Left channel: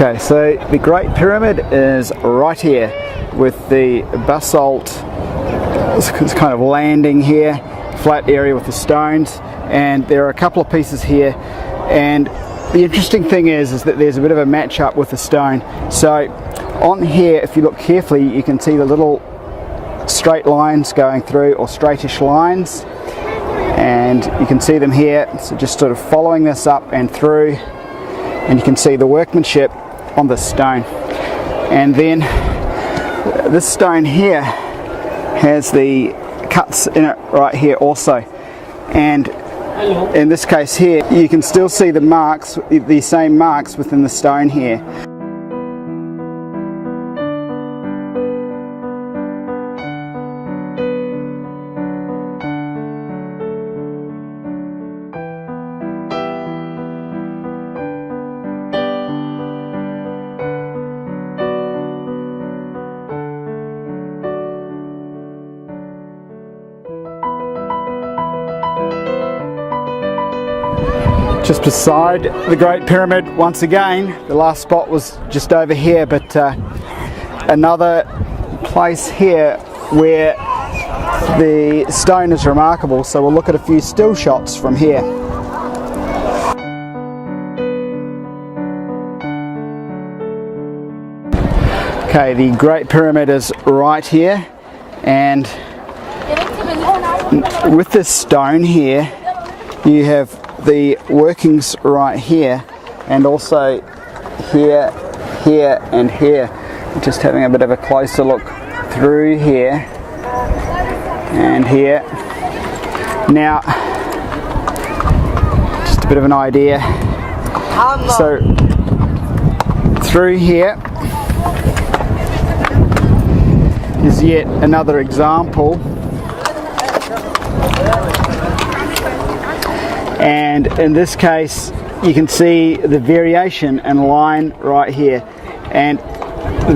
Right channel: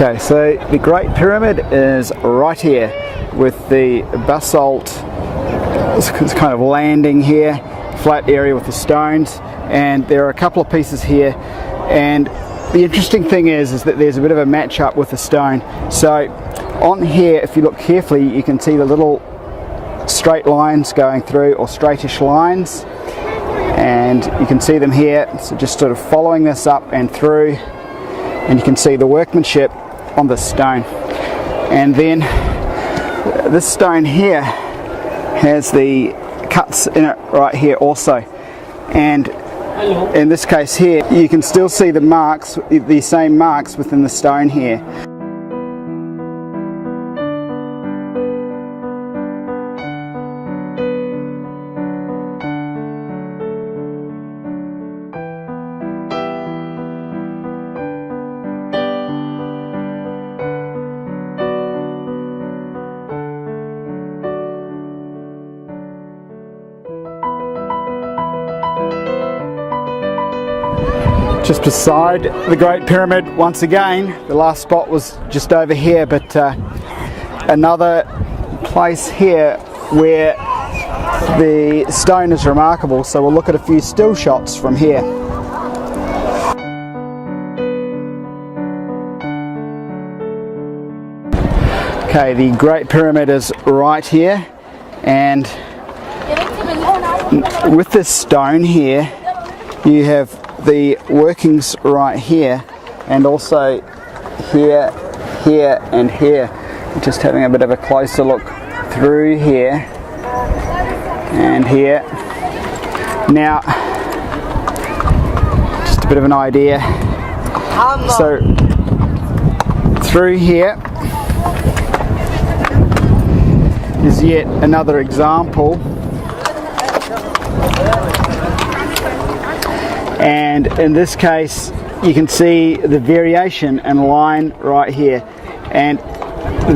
Okay, so the Great Pyramid is right here with the basalt. It's kind of landing here, flat area with the stones, and there are a couple of pieces here. And the interesting thing is that there's a bit of a match up with the stone. So on here, if you look carefully, you can see the little straight lines going through, or straightish lines, and you can see them here. So just sort of following this up and through, and you can see the workmanship on the stone. And then this stone here has the cuts in it right here also, and in this case here you can still see the marks, the same marks within the stone here. Just beside the Great Pyramid, once again, the last spot was just over here, but another place here where the stone is remarkable, so we'll look at a few still shots from here. Okay, the Great Pyramid is right here, and with this stone here you have the workings right here, and also here, here and here. Just having a bit of a closer look through here and here. Now, just a bit of an idea. So through here is yet another example. And in this case you can see the variation in line right here, and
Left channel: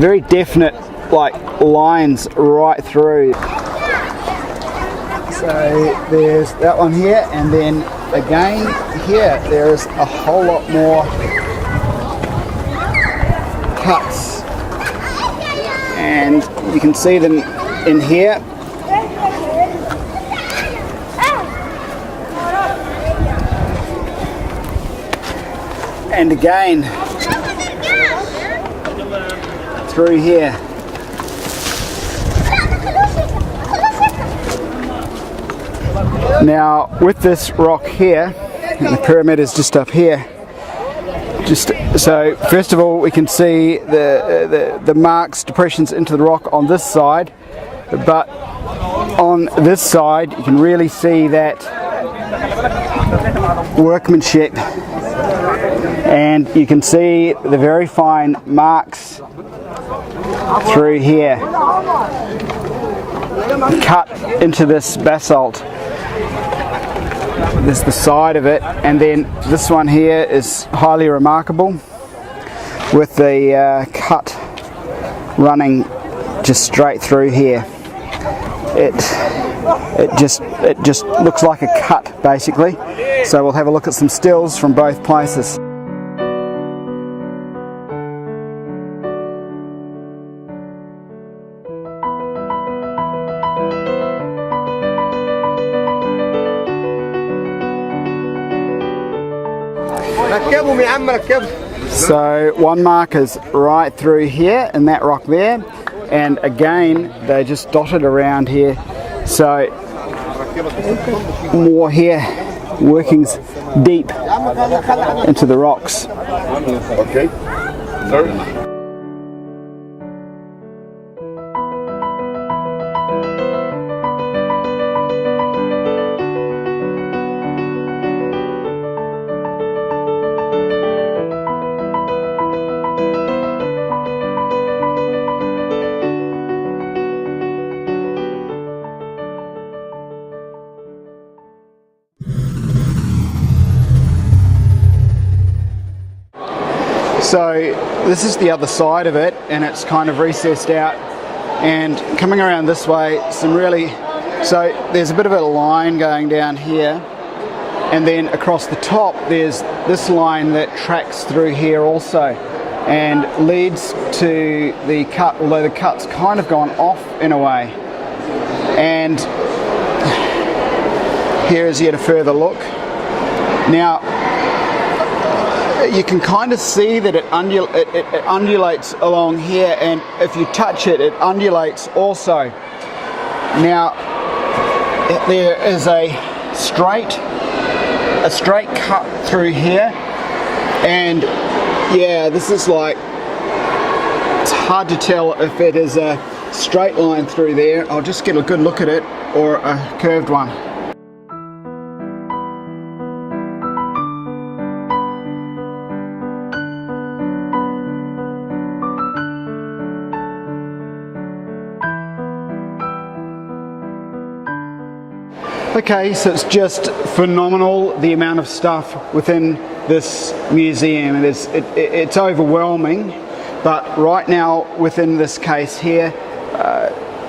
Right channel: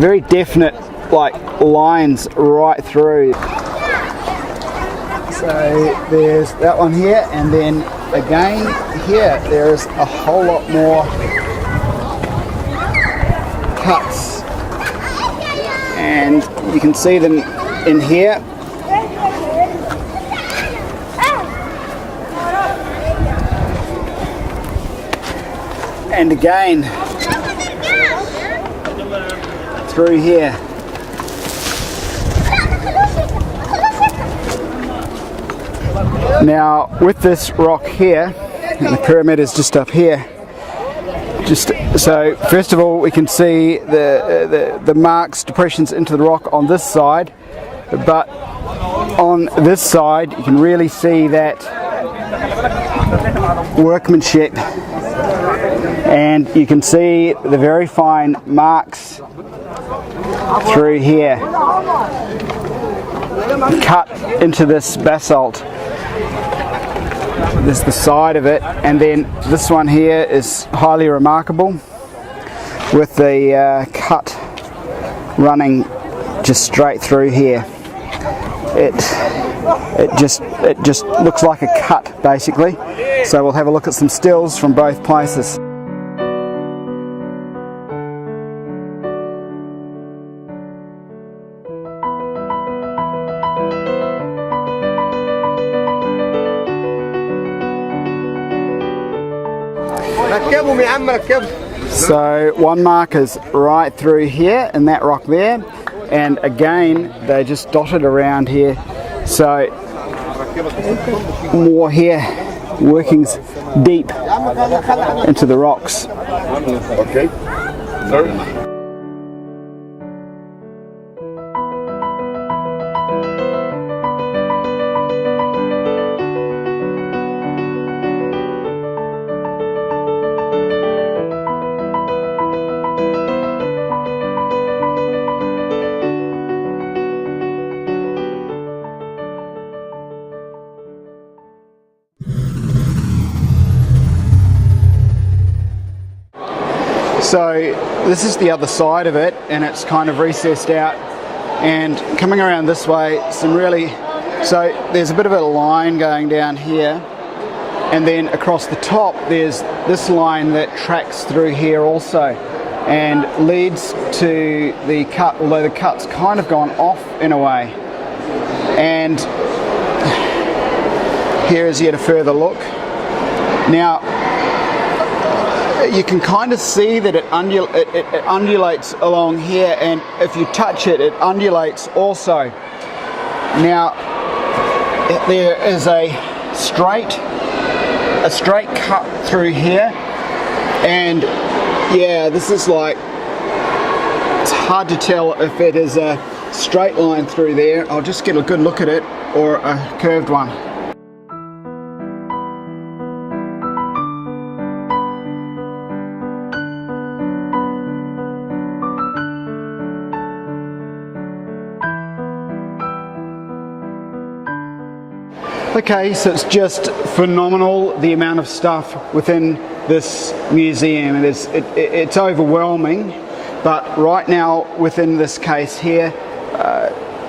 very definite like lines right through. So there's that one here, and then again here there's a whole lot more cuts, and you can see them in here. And again through here. Now with this rock here, and the pyramid is just up here, so first of all we can see the marks, depressions into the rock on this side, but on this side you can really see that workmanship, and you can see the very fine marks through here cut into this basalt. This is the side of it, and then this one here is highly remarkable with the cut running just straight through here. It just looks like a cut basically. So we'll have a look at some stills from both places. So one mark is right through here in that rock there, and again they just dotted around here, so more here, workings deep into the rocks. Okay. Sorry. So this is the other side of it, and it's kind of recessed out, and coming around this way, so there's a bit of a line going down here, and then across the top there's this line that tracks through here also, and leads to the cut, although the cut's kind of gone off in a way. And here is yet a further look. Now, you can kind of see that it undulates along here, and if you touch it, it undulates also. Now, there is a straight cut through here, and yeah, this is like, it's hard to tell if it is a straight line through there. I'll just get a good look at it, or a curved one. Okay, so it's just phenomenal, the amount of stuff within this museum. It's overwhelming, but right now within this case here,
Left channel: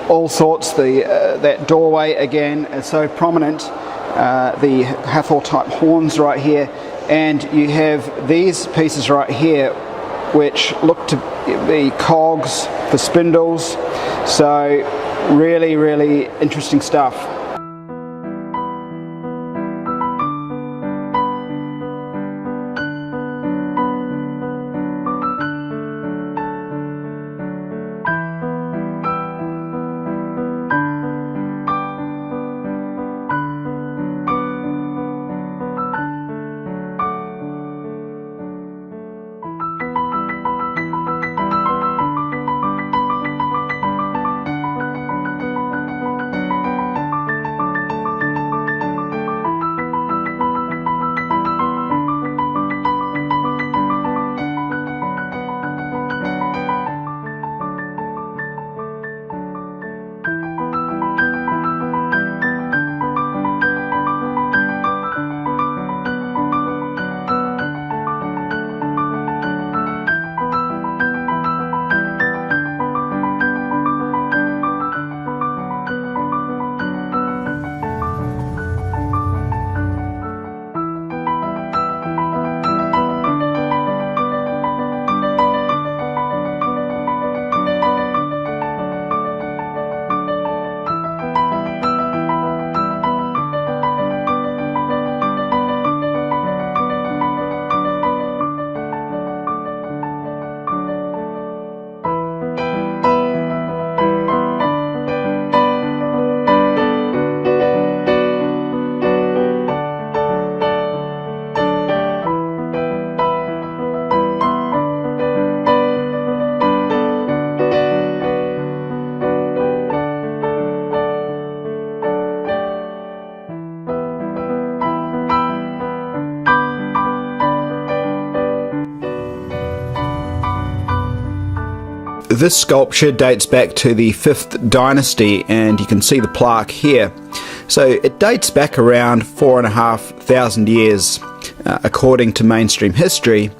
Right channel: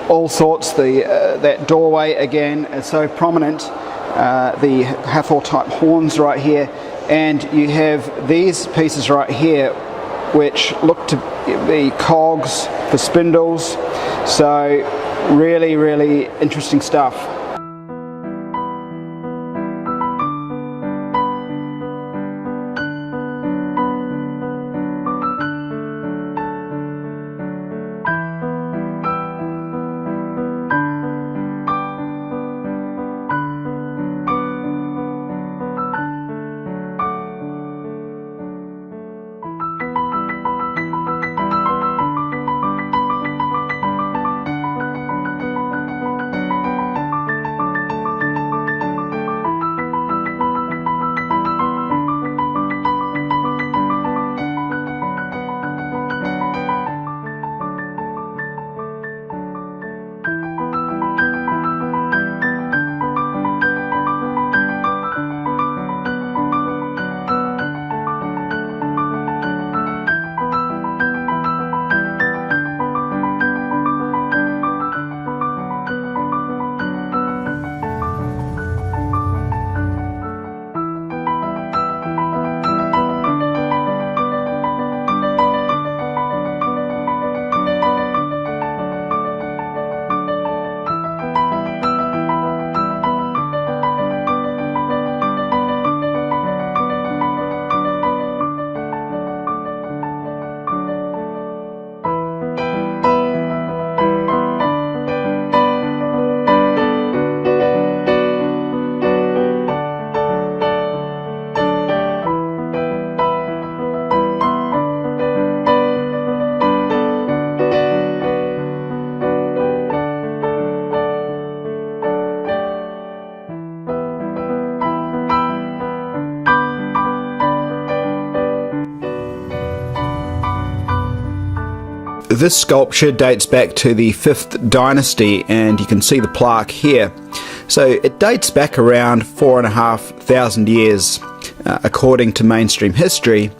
all sorts. That doorway again is so prominent. The Hathor type horns right here, and you have these pieces right here which look to be cogs for spindles. So really, really interesting stuff. This sculpture dates back to the 5th dynasty, and you can see the plaque here. So it dates back around 4,500 years, according to mainstream history.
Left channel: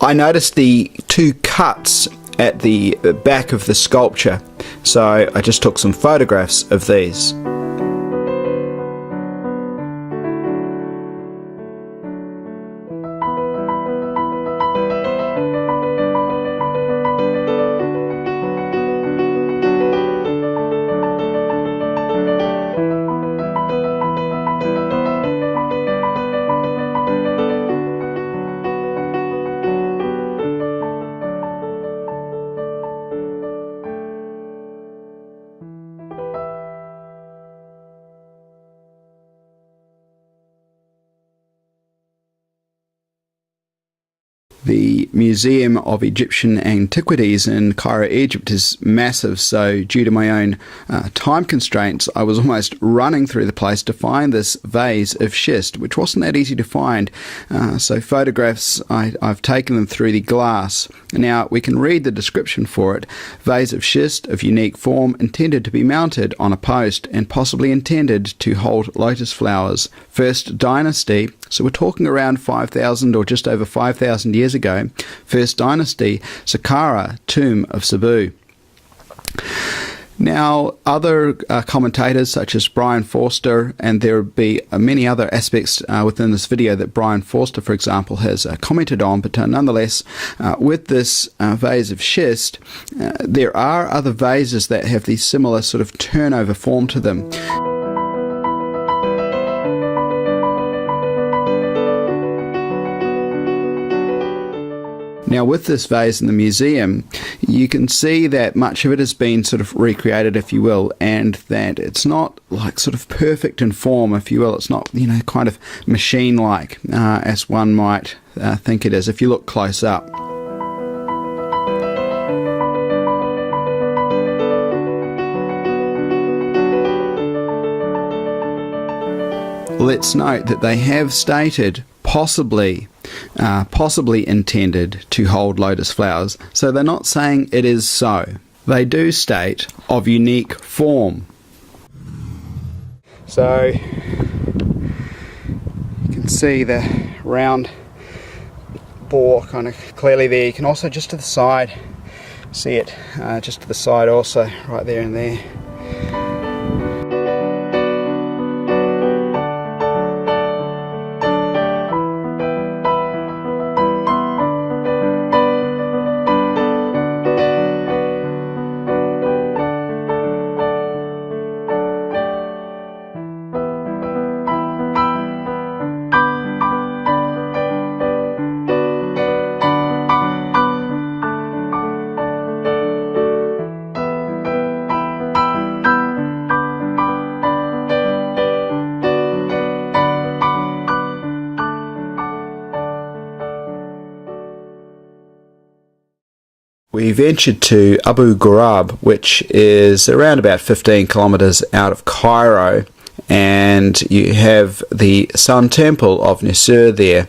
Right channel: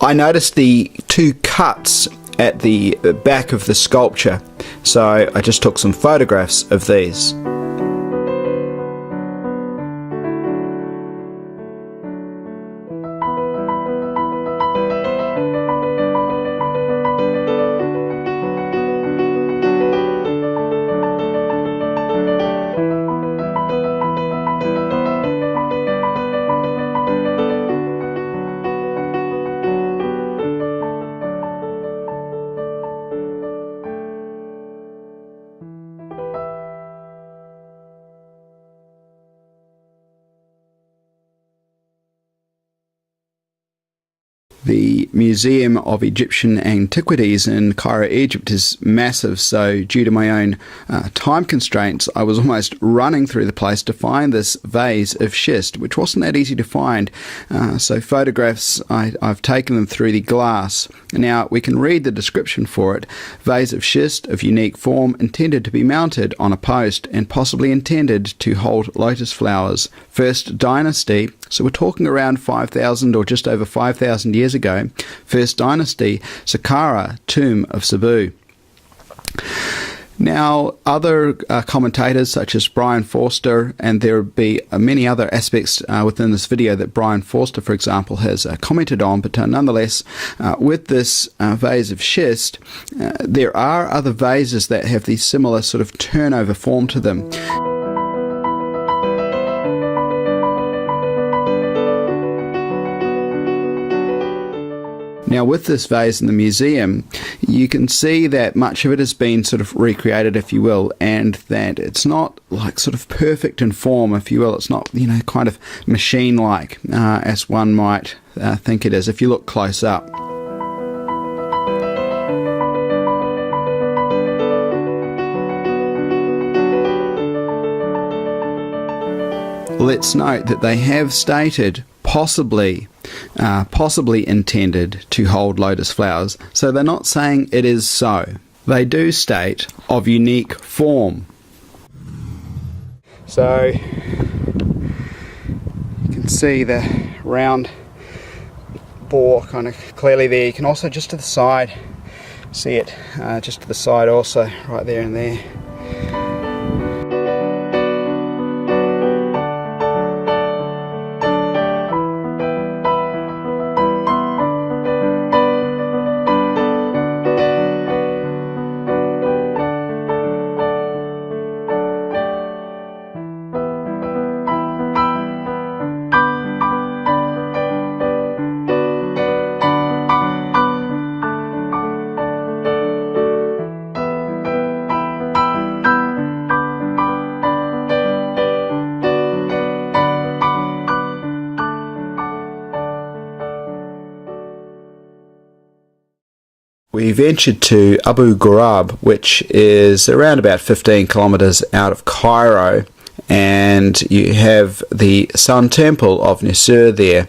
I noticed the 2 cuts at the back of the sculpture, so I just took some photographs of these. The Museum of Egyptian Antiquities in Cairo, Egypt is massive, so due to my own time constraints, I was almost running through the place to find this vase of schist, which wasn't that easy to find. So photographs, I've taken them through the glass. Now we can read the description for it. Vase of schist of unique form, intended to be mounted on a post and possibly intended to hold lotus flowers. First dynasty, so we're talking around 5,000 or just over 5,000 years ago. First dynasty, Saqqara, tomb of Sabu. Now, other commentators such as Brian Forster, and there will be many other aspects within this video that Brian Forster, for example, has commented on, but nonetheless, with this vase of schist, there are other vases that have these similar sort of turnover form to them. Now, with this vase in the museum, you can see that much of it has been sort of recreated, if you will, and that it's not like sort of perfect in form, if you will. It's not, you know, kind of machine-like as one might think it is if you look close up. Let's note that they have stated possibly intended to hold lotus flowers, so they're not saying it is so. They do state of unique form. So you can see the round bore kind of clearly there. You can also just to the side see it, just to the side also, right there and there. We ventured to Abu Ghurab, which is around about 15 kilometres out of Cairo, and you have the Sun Temple of Nisir there.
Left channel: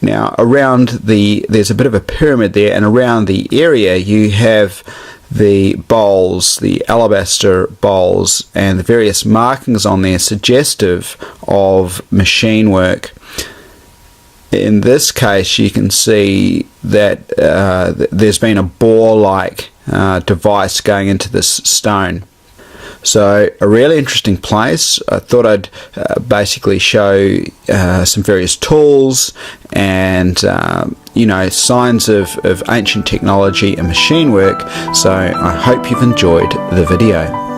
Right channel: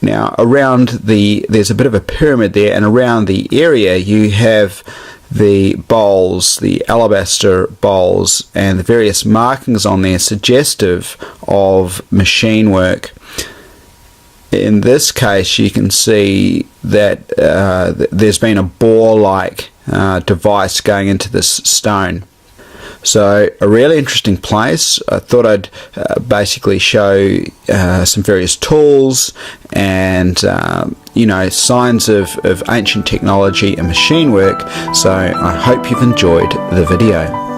Now, there's a bit of a pyramid there, and around the area you have the bowls, the alabaster bowls, and the various markings on there suggestive of machine work. In this case, you can see that there's been a bore-like device going into this stone. So a really interesting place. I thought I'd basically show some various tools and signs of ancient technology and machine work. So I hope you've enjoyed the video.